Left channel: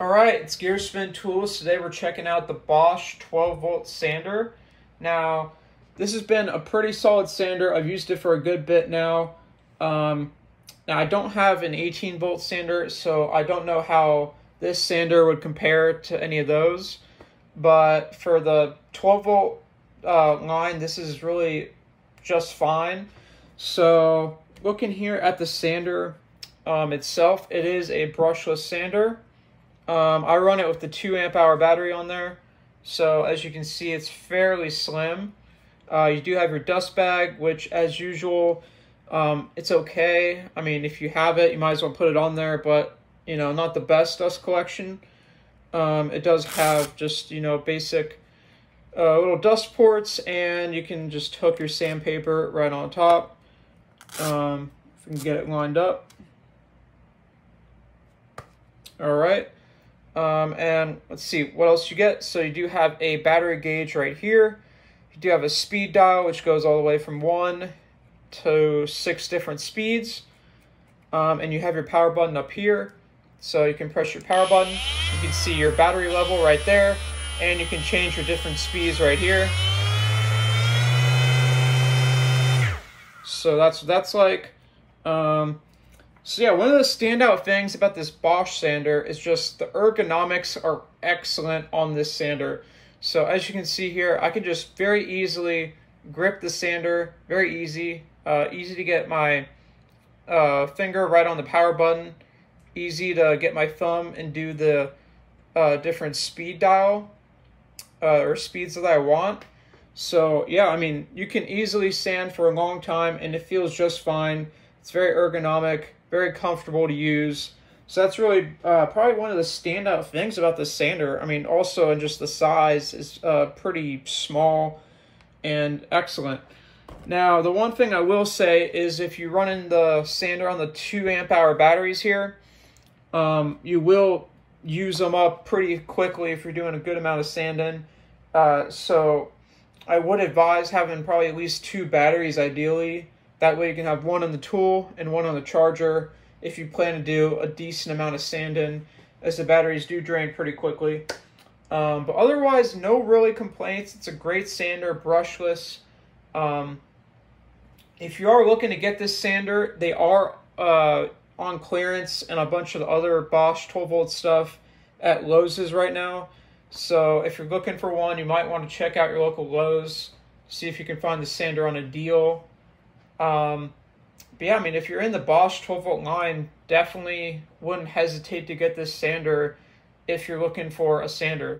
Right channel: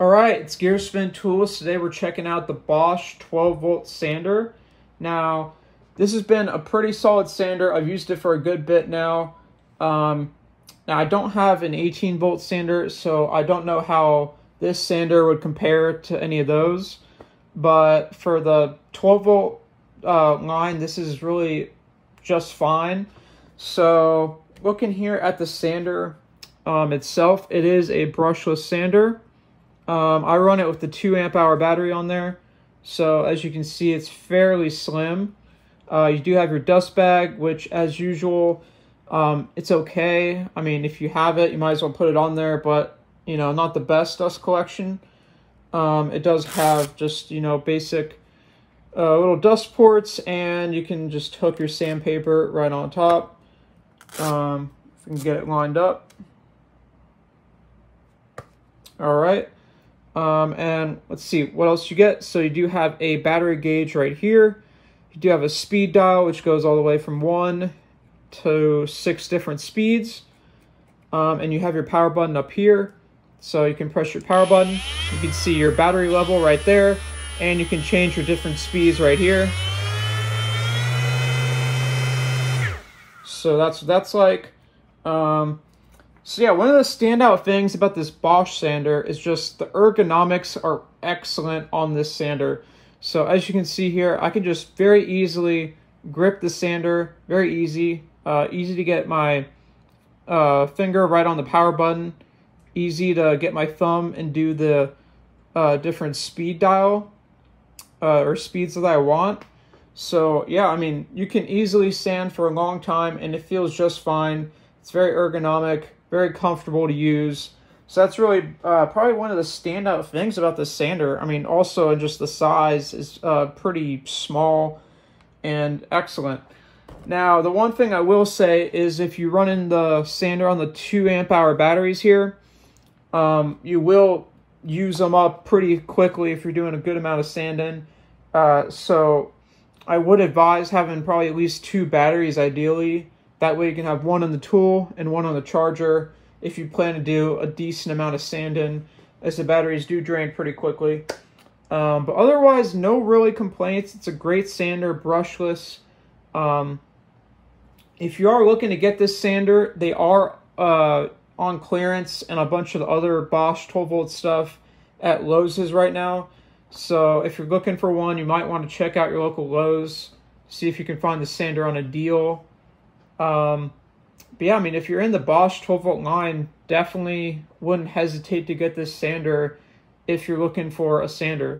Alright, it's Gearspin Tools. Today we're checking out the Bosch 12-volt sander. Now, this has been a pretty solid sander. I've used it for a good bit now. Now, I don't have an 18-volt sander, so I don't know how this sander would compare to any of those. But for the 12-volt line, this is really just fine. So, looking here at the sander itself, it is a brushless sander. I run it with the 2 amp hour battery on there, so as you can see, it's fairly slim. You do have your dust bag, which as usual, it's okay. I mean, if you have it, you might as well put it on there, but you know, not the best dust collection. It does have just, you know, basic little dust ports, and you can just hook your sandpaper right on top. If we can get it lined up. All right. And let's see what else you get. So you do have a battery gauge right here. You do have a speed dial, which goes all the way from 1 to 6 different speeds. And you have your power button up here. So you can press your power button. You can see your battery level right there. And you can change your different speeds right here. So that's what that's like. So yeah, one of the standout things about this Bosch sander is just the ergonomics are excellent on this sander. So as you can see here, I can just very easily grip the sander, very easy. Easy to get my finger right on the power button. Easy to get my thumb and do the different speed dial or speeds that I want. So yeah, I mean, you can easily sand for a long time and it feels just fine. It's very ergonomic, very comfortable to use. So that's really probably one of the standout things about this sander. I mean, also in just the size is pretty small and excellent. Now, the one thing I will say is if you run in the sander on the 2 amp hour batteries here, you will use them up pretty quickly if you're doing a good amount of sanding. So I would advise having probably at least 2 batteries ideally. That way you can have one on the tool and one on the charger if you plan to do a decent amount of sanding, as the batteries do drain pretty quickly. But otherwise, no really complaints. It's a great sander, brushless. If you are looking to get this sander, they are on clearance and a bunch of the other Bosch 12-volt stuff at Lowe's right now. So if you're looking for one, you might want to check out your local Lowe's, see if you can find the sander on a deal. But yeah, I mean, if you're in the Bosch 12-volt line, definitely wouldn't hesitate to get this sander if you're looking for a sander.